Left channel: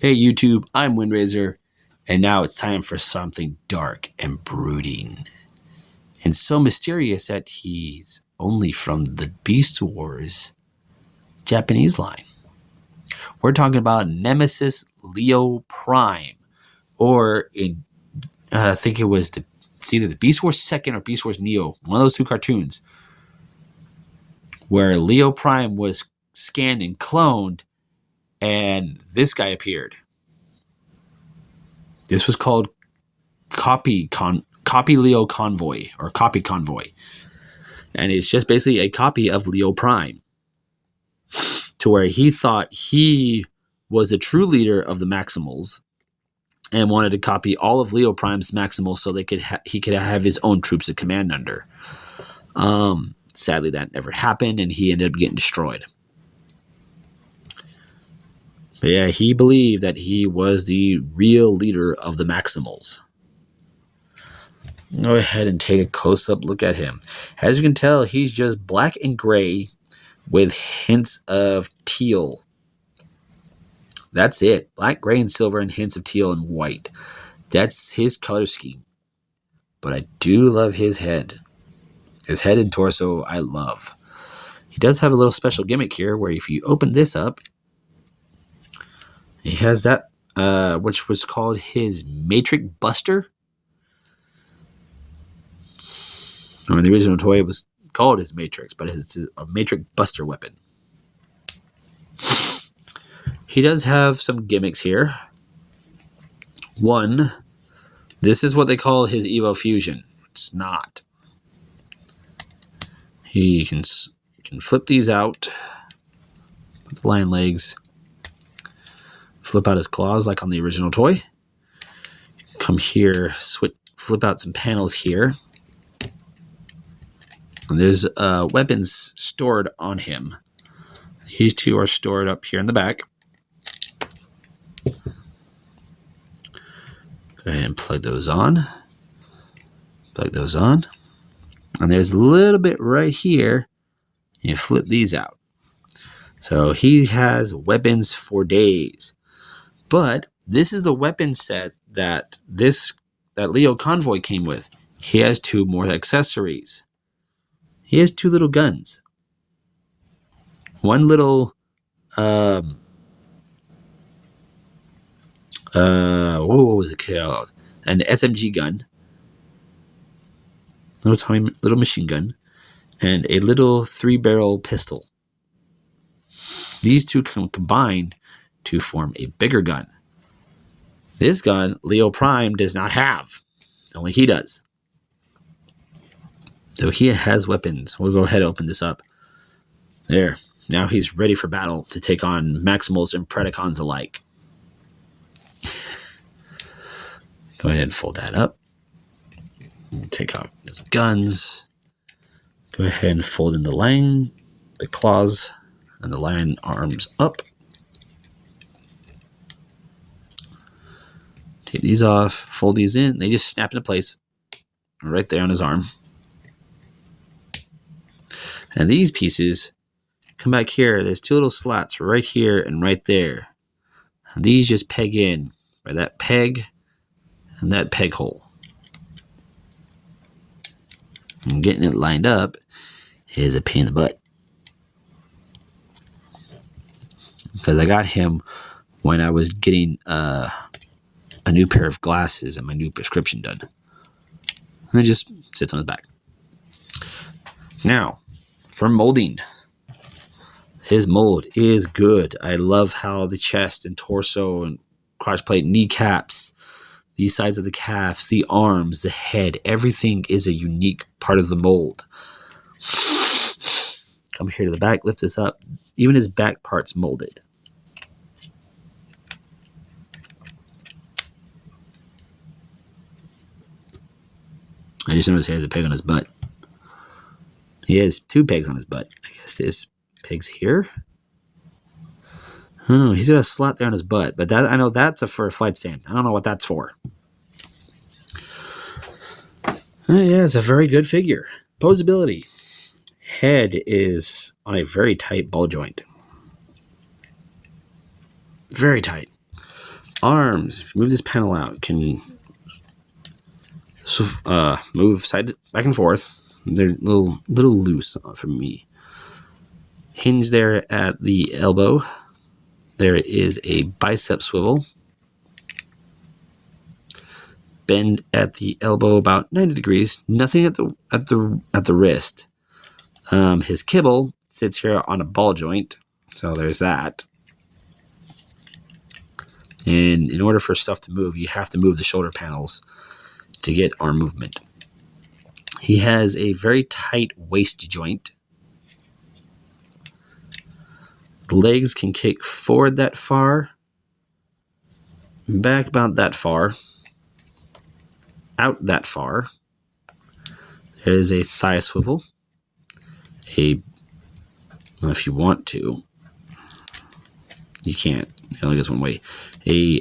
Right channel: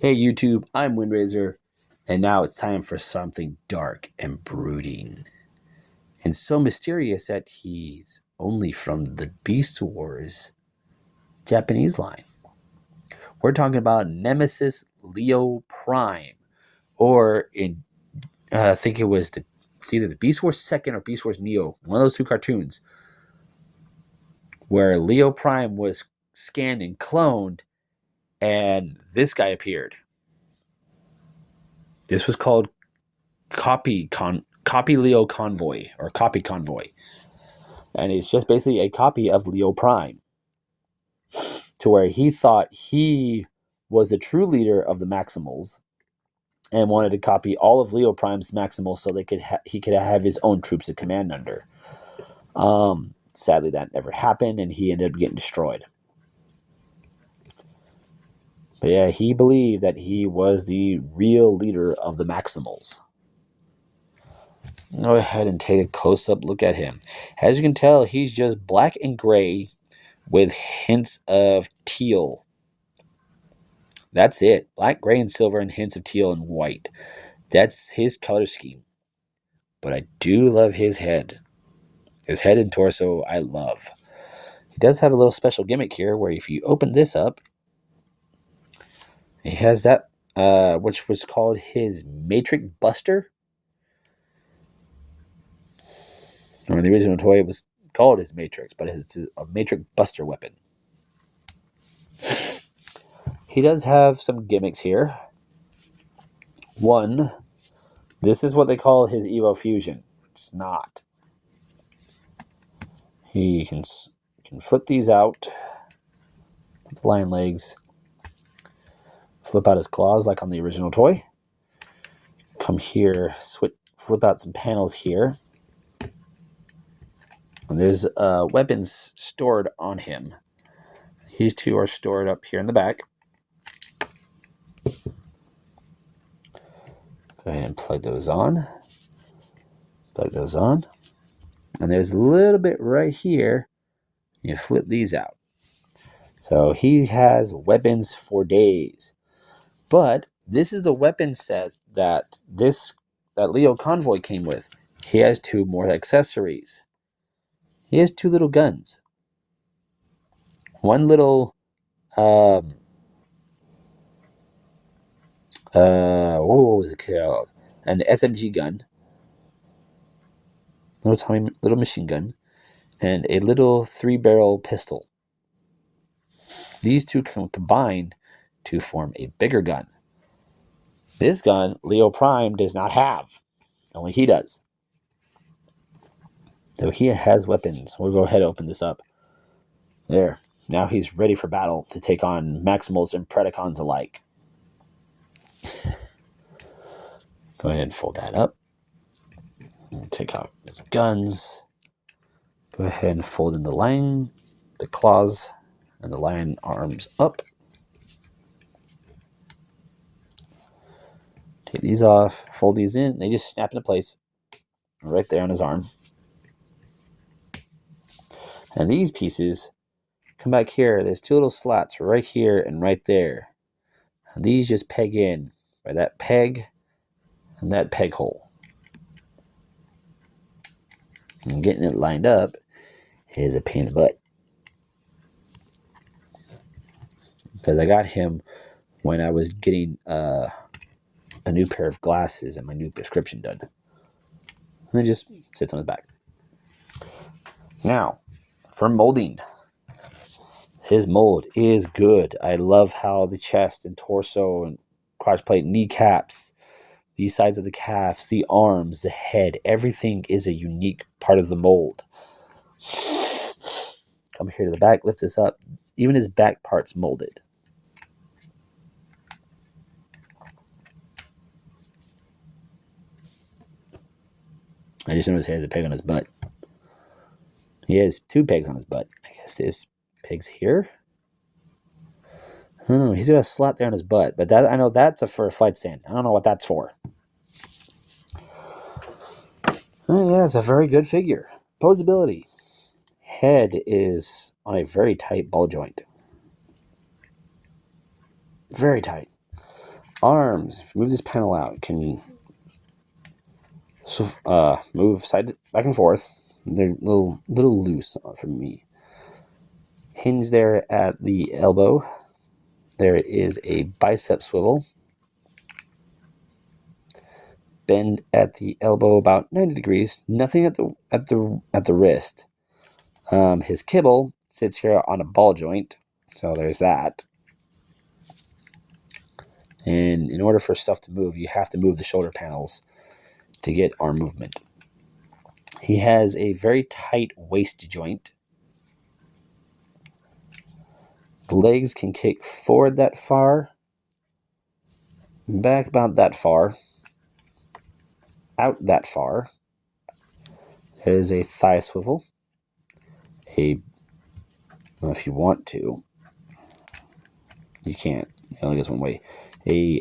Hey YouTube, I'm Windraiser, and now it's time for something dark and brooding, and so mysterious that he's only from the Beast Wars Japanese line. We're talking about Nemesis Leo Prime, or I think it's either the Beast Wars Second or Beast Wars Neo, one of those two cartoons, where Leo Prime was scanned and cloned, and this guy appeared. This was called Copy Leo Convoy or Copy Convoy. And it's just basically a copy of Leo Prime, to where he thought he was the true leader of the Maximals and wanted to copy all of Leo Prime's Maximals so he could have his own troops to command under. Sadly, that never happened, and he ended up getting destroyed. But yeah, he believed that he was the real leader of the Maximals. Go ahead and take a close-up look at him. As you can tell, he's just black and gray with hints of teal. That's it. Black, gray, and silver, and hints of teal and white. That's his color scheme. But I do love his head. His head and torso, I love. He does have a little special gimmick here, where if you open this up, he has that, which was called his Matrix Buster. I mean, the original toy was called his Matrix, but it's a Matrix Buster weapon. He does have some gimmicks here. One, this is what they call his Evo Fusion. It's not. He can flip these out, with the lion legs, flip out his claws like on the original toy. Come here, flip out some panels here. And there's weapons stored on him. These two are stored up here in the back. Go ahead and plug those on. Plug those on. And there's a little bit right here. You flip these out. So he has weapons for days. But this is the weapon set that Leo Convoy came with. He has two more accessories. He has two little guns. One little what was it called? An SMG gun. Little machine gun. And a little 3-barrel pistol. These two can combine to form a bigger gun. This gun, Leo Prime does not have. Only he does. So he has weapons. We'll go ahead and open this up. There. Now he's ready for battle to take on Maximals and Predacons alike. Go ahead and fold that up. Take out his guns. Go ahead and fold in the claws, and the lion arms up. Take these off, fold these in. They just snap into place right there on his arm. And these pieces come back here. There's two little slots right here and right there. And these just peg in by that peg and that peg hole. And getting it lined up is a pain in the butt. Because I got him when I was getting a new pair of glasses and my new prescription done. And it just sits on his back. Now, for molding. His mold is good. I love how the chest and torso and crotch plate, kneecaps, the sides of the calves, the arms, the head, everything is a unique part of the mold. Come here to the back, lift this up. Even his back part's molded. I just noticed he has a peg on his butt. He has two pegs on his butt. I guess there's pegs here. I don't know. He's got a slot there on his butt, but that I know that's for a flight stand. I don't know what that's for. Yeah, it's a very good figure. Posability. Head is on a very tight ball joint. Very tight. Arms. If you move this panel out, can move back and forth. They're a little loose for me. Hinge there at the elbow. There is a bicep swivel. Bend at the elbow about 90 degrees. Nothing at the wrist. His kibble sits here on a ball joint, so there's that. And in order for stuff to move, you have to move the shoulder panels to get arm movement. He has a very tight waist joint. The legs can kick forward that far, back about that far, out that far. There is a thigh swivel. If you want to, you can't. It only goes one way. A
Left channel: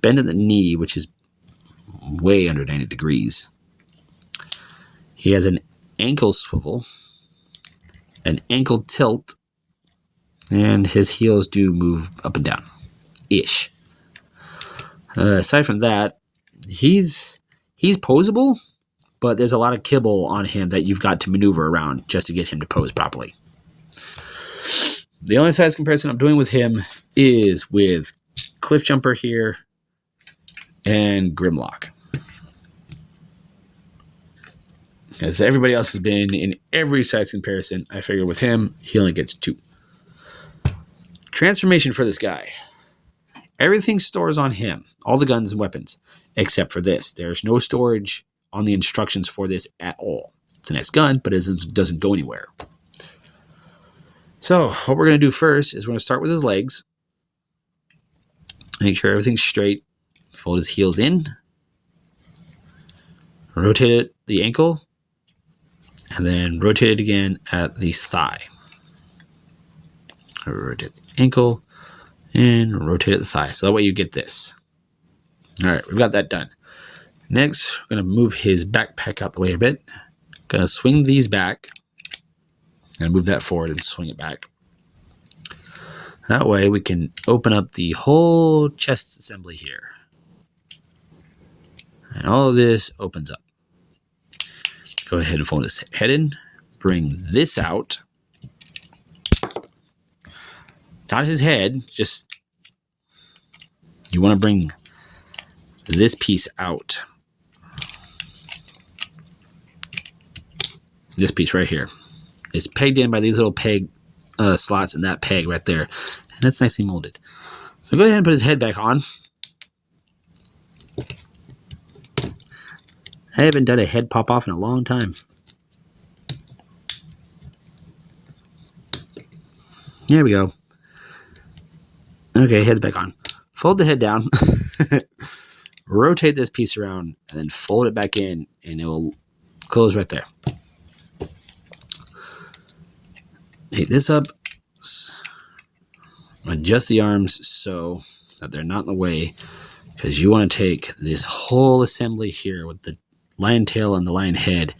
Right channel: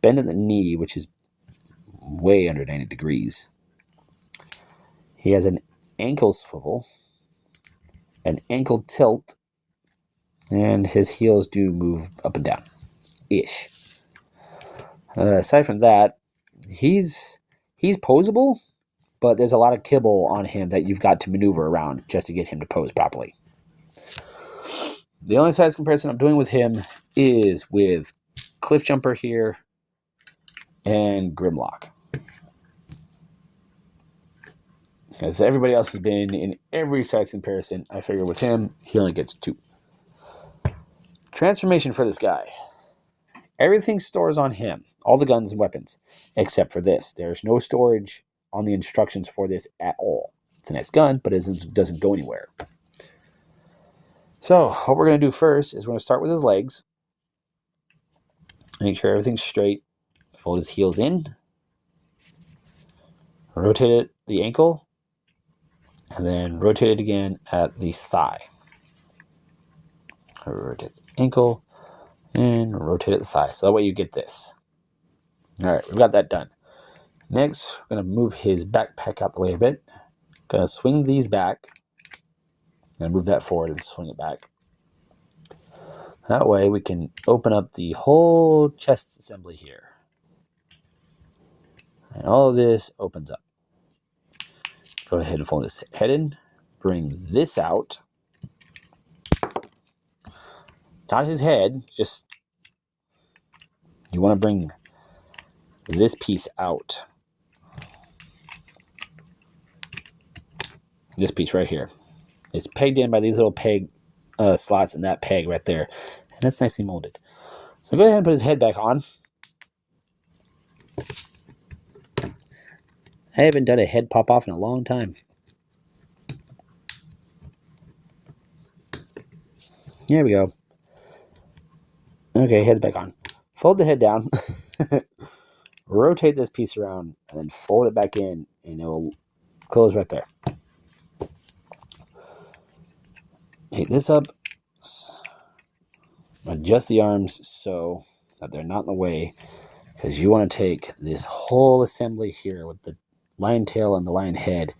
bend at the knee, which is way under 90 degrees. He has an ankle swivel, an ankle tilt, and his heels do move up and down, ish. Aside from that, he's poseable, but there's a lot of kibble on him that you've got to maneuver around just to get him to pose properly. The only size comparison I'm doing with him is with Cliff Jumper here and Grimlock. As everybody else has been in every size comparison, I figure with him, he only gets 2. Transformation for this guy. Everything stores on him, all the guns and weapons, except for this. There's no storage on the instructions for this at all. It's a nice gun, but it doesn't go anywhere. So what we're going to do first is we're going to start with his legs. Make sure everything's straight. Fold his heels in. Rotate the ankle. And then rotate it again at the thigh. Rotate the ankle and rotate at the thigh. So that way you get this. All right, we've got that done. Next, we're going to move his backpack out the way a bit. Going to swing these back. And move that forward and swing it back. That way we can open up the whole chest assembly here. And all of this opens up. Go ahead and fold his head in. Bring this out. Not his head, just you want to bring this piece out. This piece right here. It's pegged in by these little peg slots and that peg right there. And that's nicely molded. So go ahead and put his head back on. I haven't done a head pop off in a long time. There we go. Okay, head's back on. Fold the head down. Rotate this piece around and then fold it back in and it will close right there. Take this up, adjust the arms so that they're not in the way, because you want to take this whole assembly here with the lion tail and the lion head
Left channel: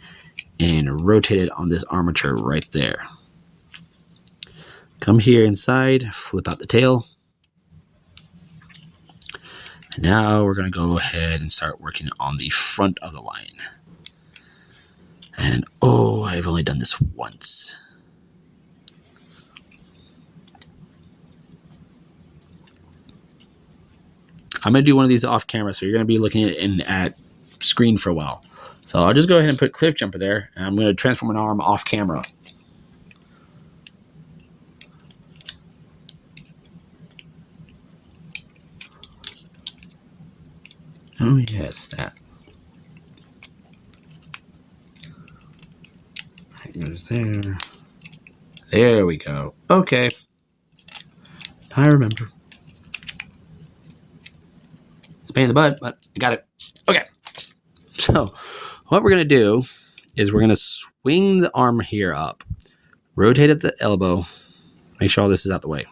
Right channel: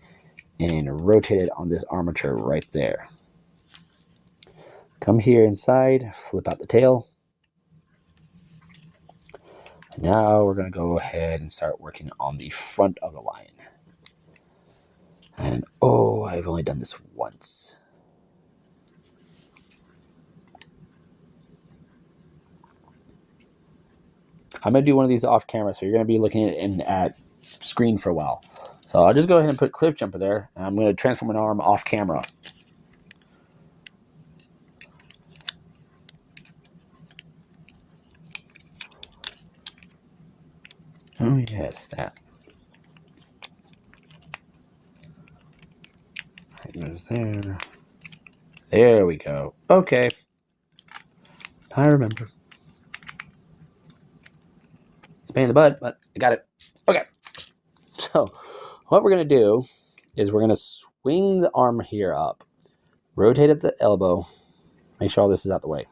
and rotate it on this armature right there. Come here inside, flip out the tail. And now we're going to go ahead and start working on the front of the lion. And oh, I've only done this once. I'm going to do one of these off camera, so you're going to be looking at screen for a while. So I'll just go ahead and put Cliff Jumper there, and I'm going to transform an arm off camera. Oh yes, that. That goes there. There we go. Okay. I remember. It's a pain in the butt, but I got it. Okay. So what we're going to do is we're going to swing the arm here up. Rotate at the elbow. Make sure all this is out the way.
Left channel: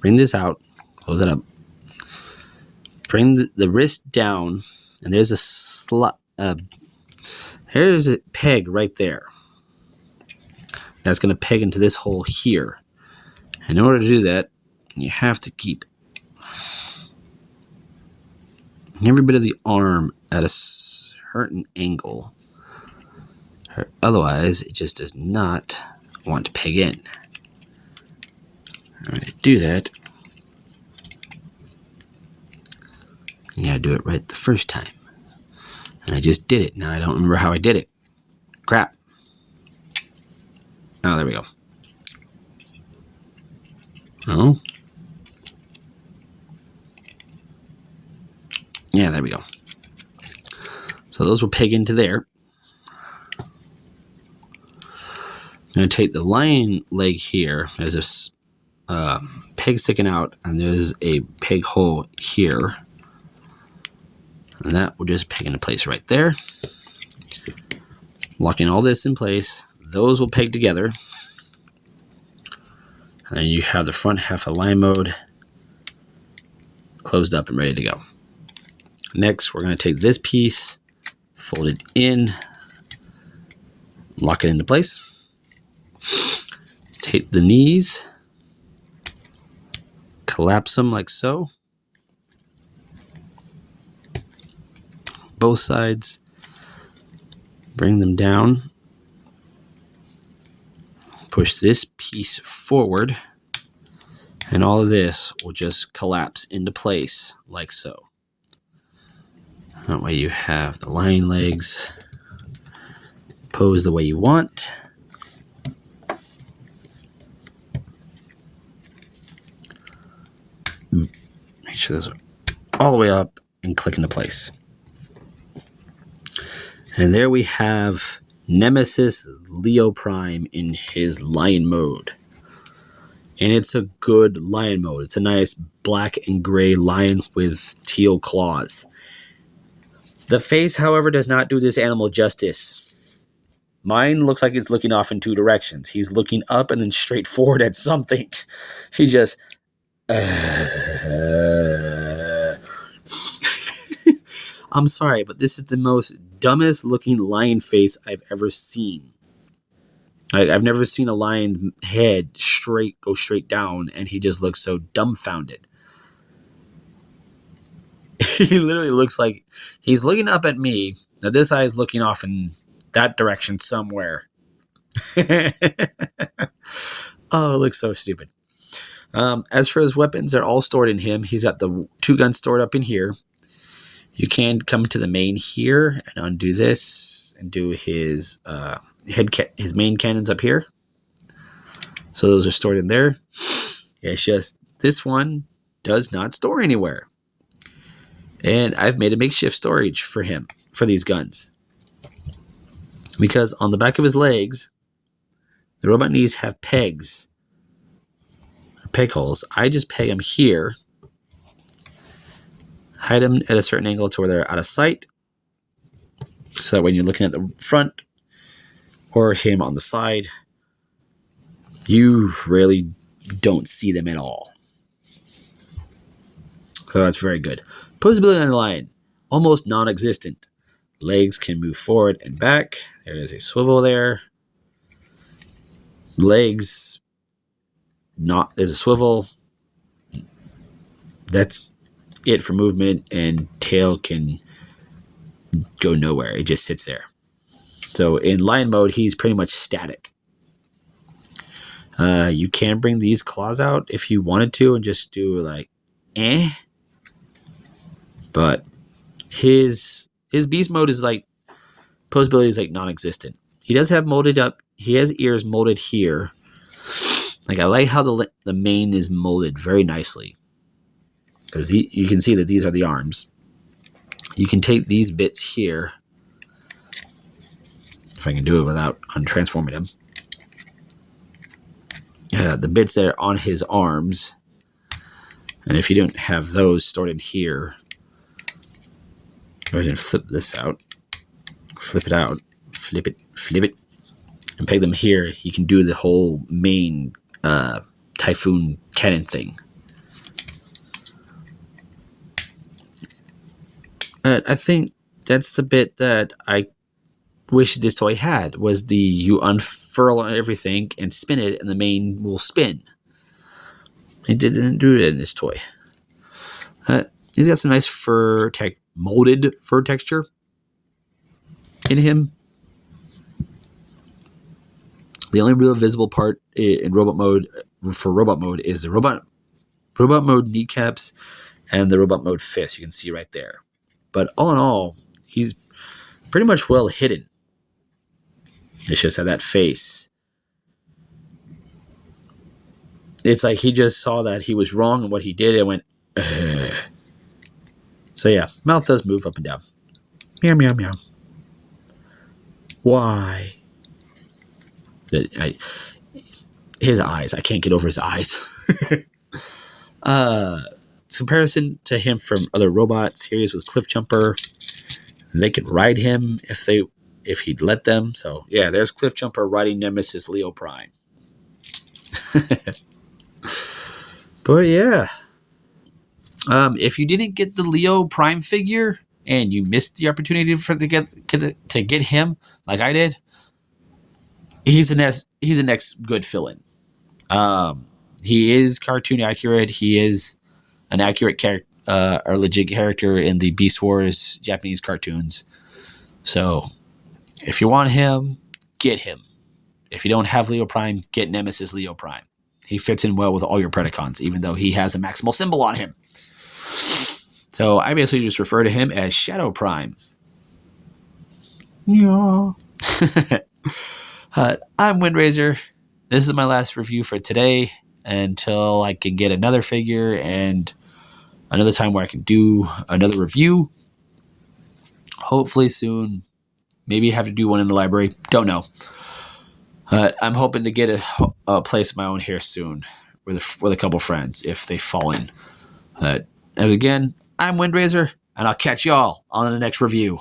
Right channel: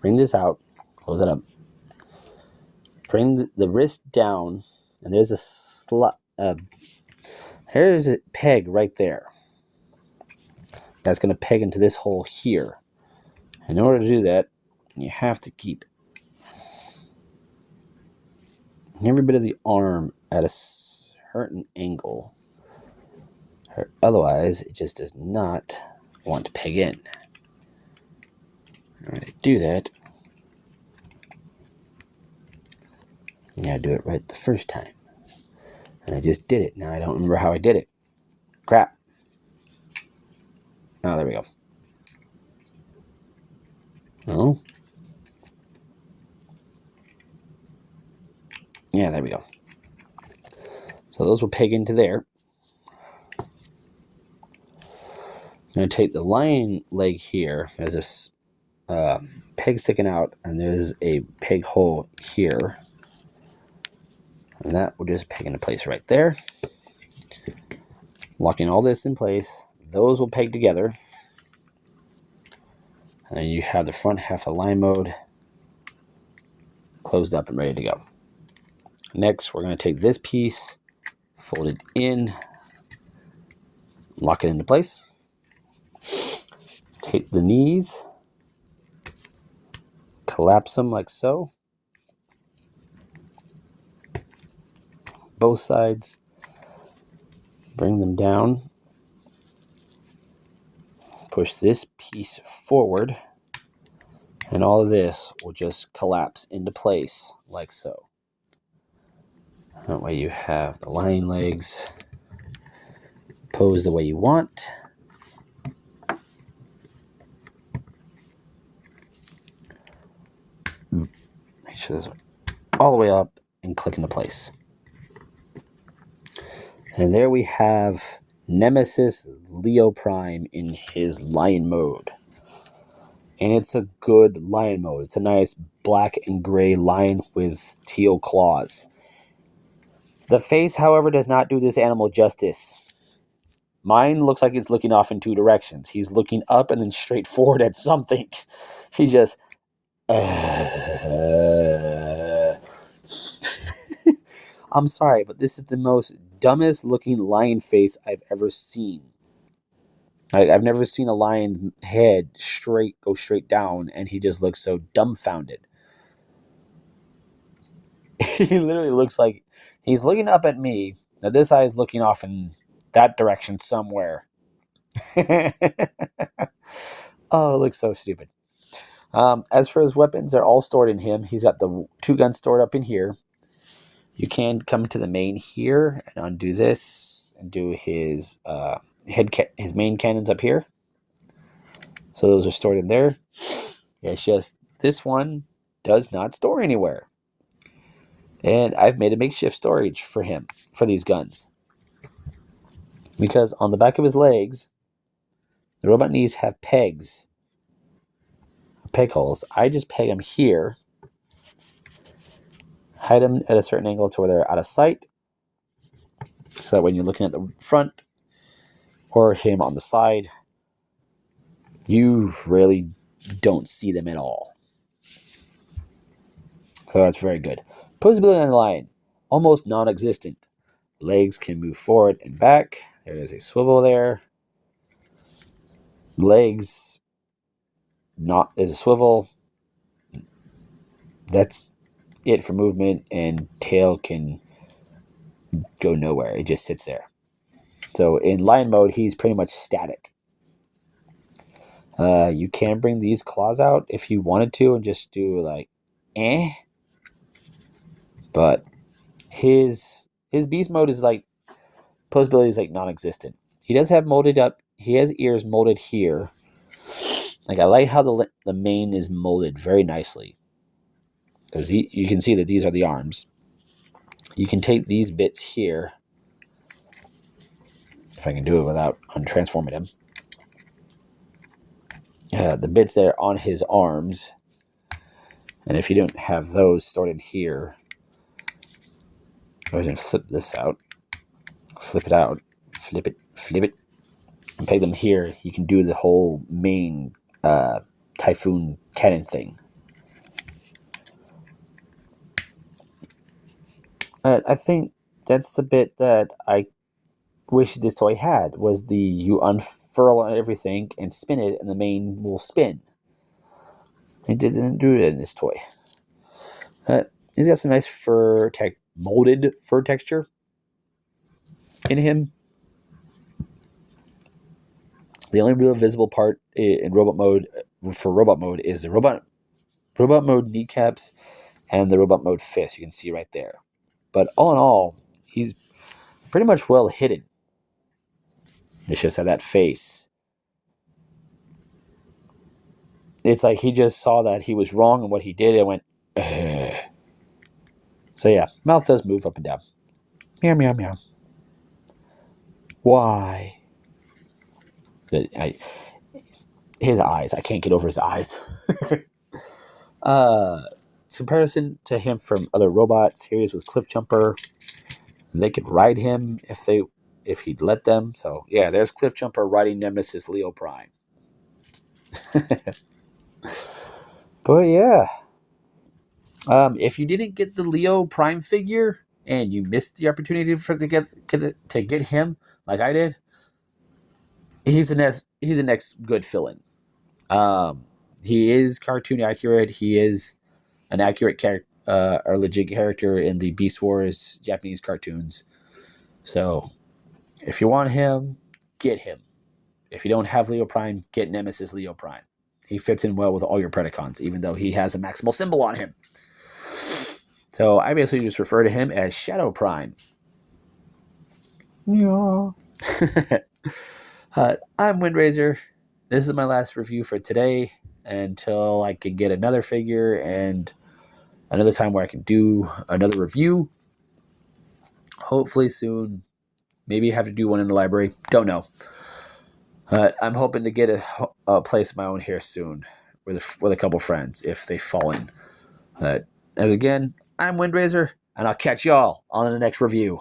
Bring this out. Close it up. Bring the wrist down. And there's there's a peg right there. That's going to peg into this hole here. And in order to do that, you have to keep every bit of the arm at a certain angle. Otherwise, it just does not want to peg in. I'm going to do that. You gotta do it right the first time. And I just did it. Now I don't remember how I did it. Crap. Oh, there we go. Oh. Yeah, there we go. So those will peg into there. I'm going to take the lion leg here. There's this peg sticking out, and there's a peg hole here. And that will just peg into place right there. Locking all this in place. Those will peg together. And then you have the front half of lion mode closed up and ready to go. Next, we're going to take this piece, fold it in, lock it into place. Take the knees, collapse them like so. Both sides. Bring them down. Push this piece forward. And all of this will just collapse into place like so. That way you have the lion legs posed the way you want. Make sure those are all the way up and click into place. And there we have Nemesis Leo Prime in his lion mode. And it's a good lion mode. It's a nice black and gray lion with teal claws. The face, however, does not do this animal justice. Mine looks like it's looking off in two directions. He's looking up and then straight forward at something. He just... I'm sorry, but this is the most dumbest looking lion face I've ever seen. I've never seen a lion head go straight down, and he just looks so dumbfounded. He literally looks like he's looking up at me. Now this eye is looking off in that direction somewhere. Oh, it looks so stupid. As for his weapons, they're all stored in him. He's got the 2 guns stored up in here. You can come to the main here and undo this and do his his main cannons up here. So those are stored in there. It's just this one does not store anywhere. And I've made a makeshift storage for him, for these guns. Because on the back of his legs, the robot knees have pegs. Peg holes. I just peg them here. Hide them at a certain angle to where they're out of sight. So that when you're looking at the front or him on the side, you really don't see them at all. So that's very good. Posability on the lion, almost non-existent. Legs can move forward and back. There is a swivel there. Legs, there's a swivel. That's it for movement, and tail can go nowhere. It just sits there. So in lion mode, he's pretty much static. You can bring these claws out if you wanted to and just do like, But his beast mode is like, posability is like non-existent. He does have molded up, he has ears molded here. Like I like how the mane is molded very nicely. Because you can see that these are the arms. You can take these bits here, if I can do it without untransforming him. The bits there on his arms. And if you don't have those stored in here, go ahead and flip this out. Flip it out. Flip it. And peg them here. You can do the whole main Typhoon cannon thing. I think that's the bit that I wish this toy had, was you unfurl everything and spin it, and the main will spin. It didn't do it in this toy. He's got some nice fur molded fur texture in him. The only real visible part in robot mode for robot mode is the robot mode kneecaps and the robot mode fist. You can see right there. But all in all, he's pretty much well hidden. It's just that face. It's like he just saw that he was wrong in what he did and went, ugh. So yeah, mouth does move up and down. Meow, meow, meow. Why? His eyes. I can't get over his eyes. Comparison to him from other robots. Here he is with Cliffjumper. They could ride him if he'd let them. So yeah, there's Cliffjumper riding Nemesis Leo Prime. But yeah. If you didn't get the Leo Prime figure and you missed the opportunity to get him, like I did, he's the next good fill-in. He is cartoon accurate. He is an accurate character, or legit character in the Beast Wars Japanese cartoons. So, if you want him, get him. If you don't have Leo Prime, get Nemesis Leo Prime. He fits in well with all your Predacons, even though he has a maximal symbol on him. So I basically just refer to him as Shadow Prime. Yeah. I'm Windraiser. This is my last review for today until I can get another figure and another time where I can do another review. Hopefully soon. Maybe have to do one in the library. Don't know. I'm hoping to get a place of my own here soon with a couple friends if they fall in. As again, I'm Windraiser, and I'll catch y'all on the next review.